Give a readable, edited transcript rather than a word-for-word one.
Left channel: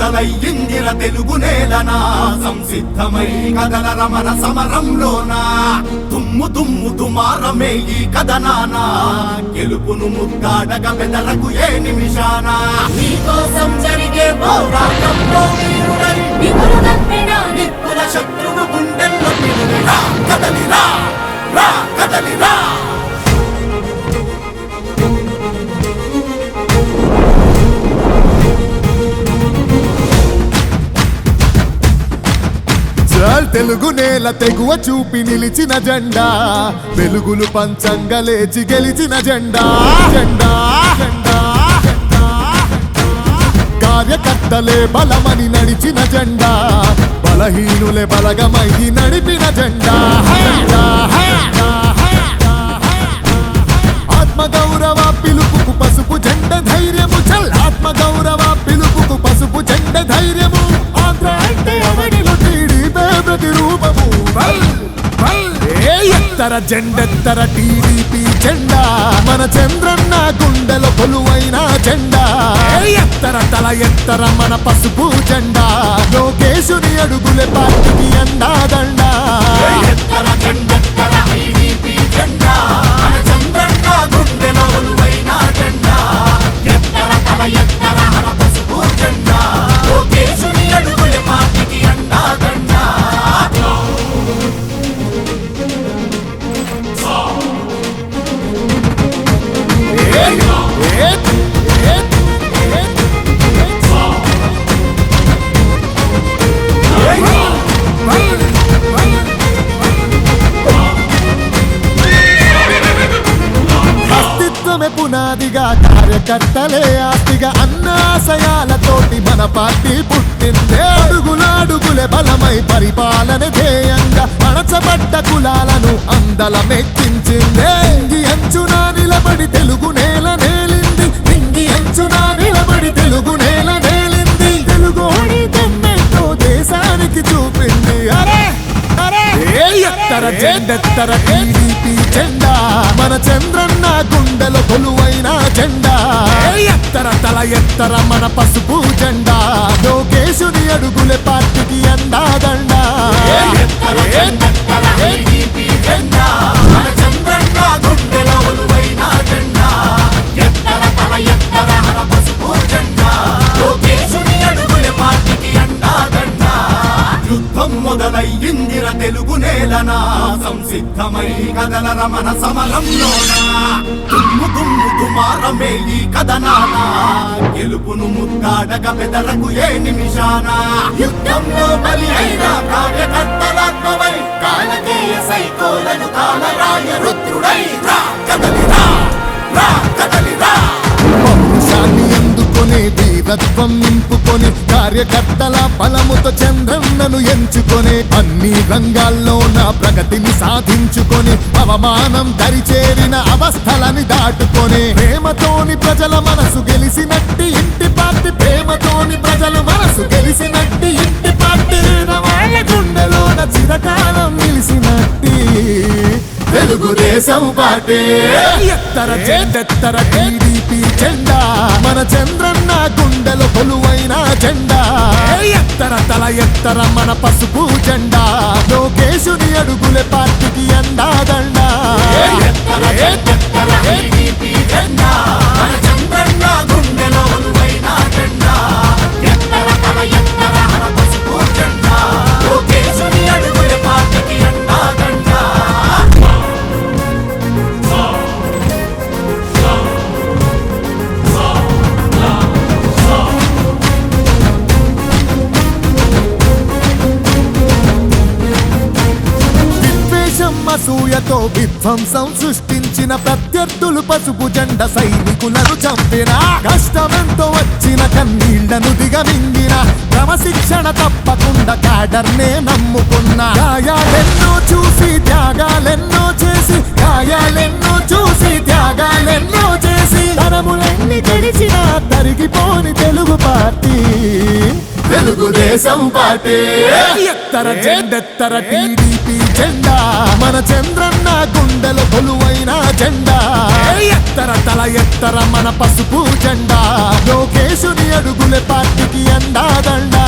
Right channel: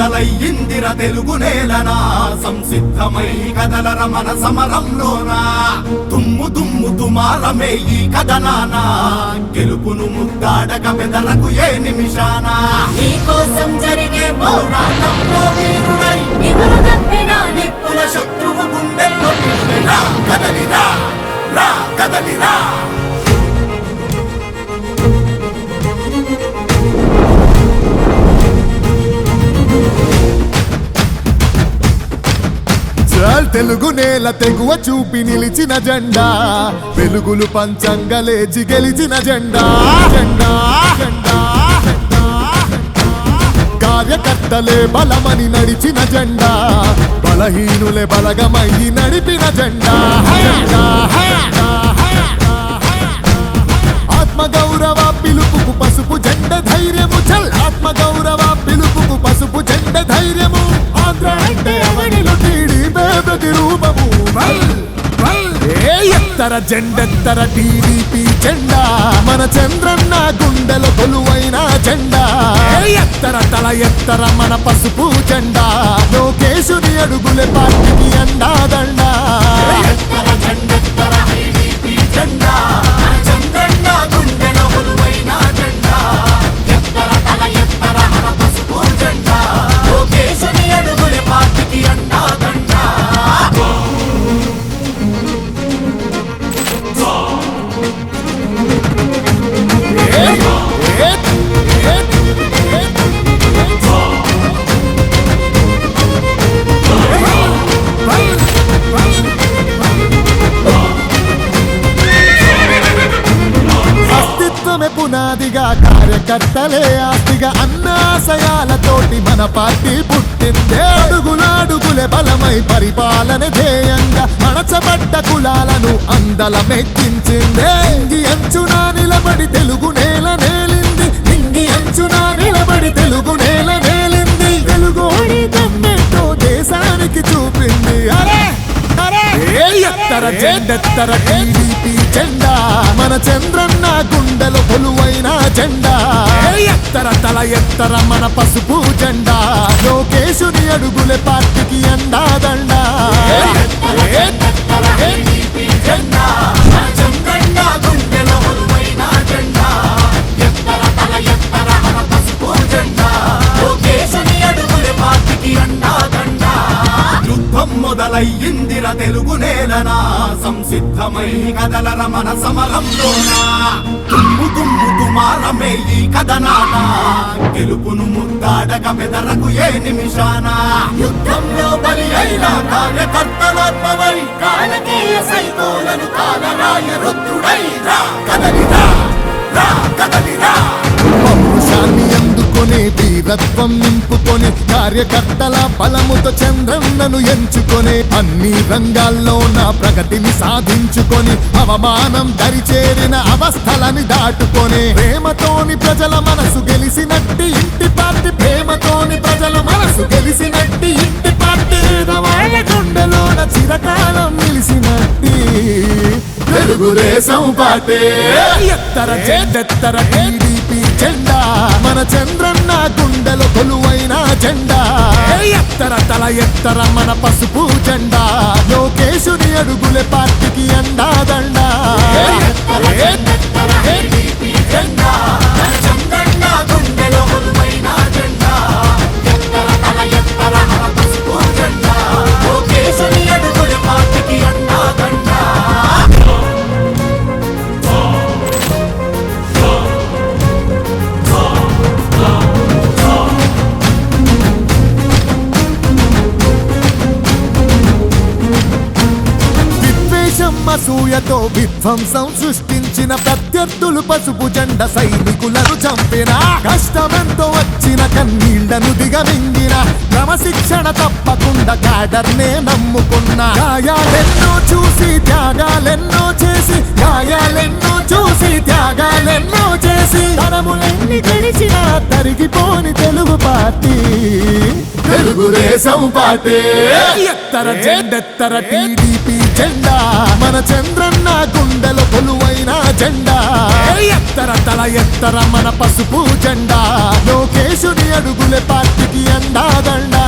మొదలయ్యిందిర తెలుగు నేలనా సంసిద్ధమై కదలర మన సమరంలోనా దుమ్ము దుమ్ము దుమారమే ఈ కథనాన గెలుపును ముద్దాడగ బెదరకు ఏ నిమిషాన నీకోసం జరిగే పోరాటంలో వీరుడై నిపులు తప్పిన నిప్పుల శత్రువు గుండెల్లో కదలిరా రా కదలిరా తెలుగు నేల తెగువ చూపి నిలిచిన జెండా వెలుగులు పంచంగా లేచి గెలిచిన జెండా జెండా జెండా కార్యకర్తలే బలమని నడిచిన జెండా బలహీనులే బలగమయ్యి నడిపిన జెండా ఆత్మగౌరవ పిలుపుకు పసుపు జెండ ధైర్యము చల్ ఆత్మగౌరవ పిలుపుకు పసుపు జెండ ధైర్యము ఆంధ్ర అంటే అవనిలో టీడీపీ ప్రతిరూపము ఎత్తర జెండెత్తర టీడీపీ జెండా మన చంద్రన్న గుండెలో కొలువైన జెండా ఎత్తర తల ఎత్తర మన పసుపు జెండా లోకేశుని అడుగులే పార్టీకి అండాదండా అస్తిత్వమే పునాదిగా కార్యకర్తలే ఆస్తిగా అన్నాశయాలతోటి మన పార్టీ పుట్టిందే అడుగులే బలమై పరిపాలన ధ్యేయంగా అణచబడ్డ కులాలను అందలమెక్కించిందే ఇంగి అంచున నిలబడి తెలుగు నేల నేలింది ఇంగి అంచున నిలబడి తెలుగు నేల నేలింది తెలుగోడి దమ్మెంతో దేశానికి చూపింది అరే ఎత్తర జెండెత్తర టీడీపీ జెండా మన చంద్రన్న గుండెలో కొలువైన జెండా ఎత్తర తల ఎత్తర మన పసుపు జెండా లోకేశుని అడుగులే పార్టీకి అండాదండా మొదలయ్యిందిర తెలుగు నేలనా సంసిద్ధమై కదలర మన సమరంలోనా దుమ్ము దుమ్ము దుమారమే ఈ కథనాన గెలుపును ముద్దాడగ బెదరకు ఏ నిమిషాన యుద్ధంలో బలి అయిన కార్యకర్తలాత్మవై కాలకేయ సైకోలను కాలరాయ రుద్రుడై రా కదలిరా రా కదలిరా పౌరుషాన్ని అందుకొని వీరత్వం నింపుకొని కార్యకర్తల బలముతో చంద్రన్నను ఎంచుకొని అన్ని రంగాల్లో నా ప్రగతిని సాధించుకొని అవమానం దరిచేరిన అవస్థలని దాటుకొని ప్రేమతోని ప్రజల మనసు గెలిసినట్టి ఇంటి పార్టీ ప్రేమతోని ప్రజలు మనసు గెలిసినట్టి ఇంటి పార్టీ వాళ్ళ గుండెలోన చిరకాలం నిలిసినట్టి తెలుగుదేశం పార్టీ ఎత్తర జెండెత్తర టీడీపీ జెండా మన చంద్రన్న గుండెలో కొలువైన జెండా ఎత్తర తల ఎత్తర మన పసుపు జెండా లోకేశుని అడుగులే పార్టీకి అండాదండా అసూయతో విధ్వంసం సృష్టించిన ప్రత్యర్థులు పసుపు జెండ సైనికులను చంపిన కష్టమెంతో వచ్చిన కన్నీళ్లను దిగమింగిన క్రమశిక్షణ తప్పకుండా క్యాడర్నే నమ్ముకున్న గాయాలెన్నో చూసి త్యాగాలెన్నో చేసి గాయాలెన్నో చూసి త్యాగాలెన్నో చేసి తరములెన్ని గడిచిన తరిగిపోని తెలుగు పార్టీ తెలుగుదేశం పార్టీ ఎత్తర జెండెత్తర టీడీపీ జెండా మన చంద్రన్న గుండెల కొలువైన జెండా ఎత్తర తల ఎత్తర మన పసుపు జెండా లోకేశుని అడుగులే పార్టీకి అండాదండా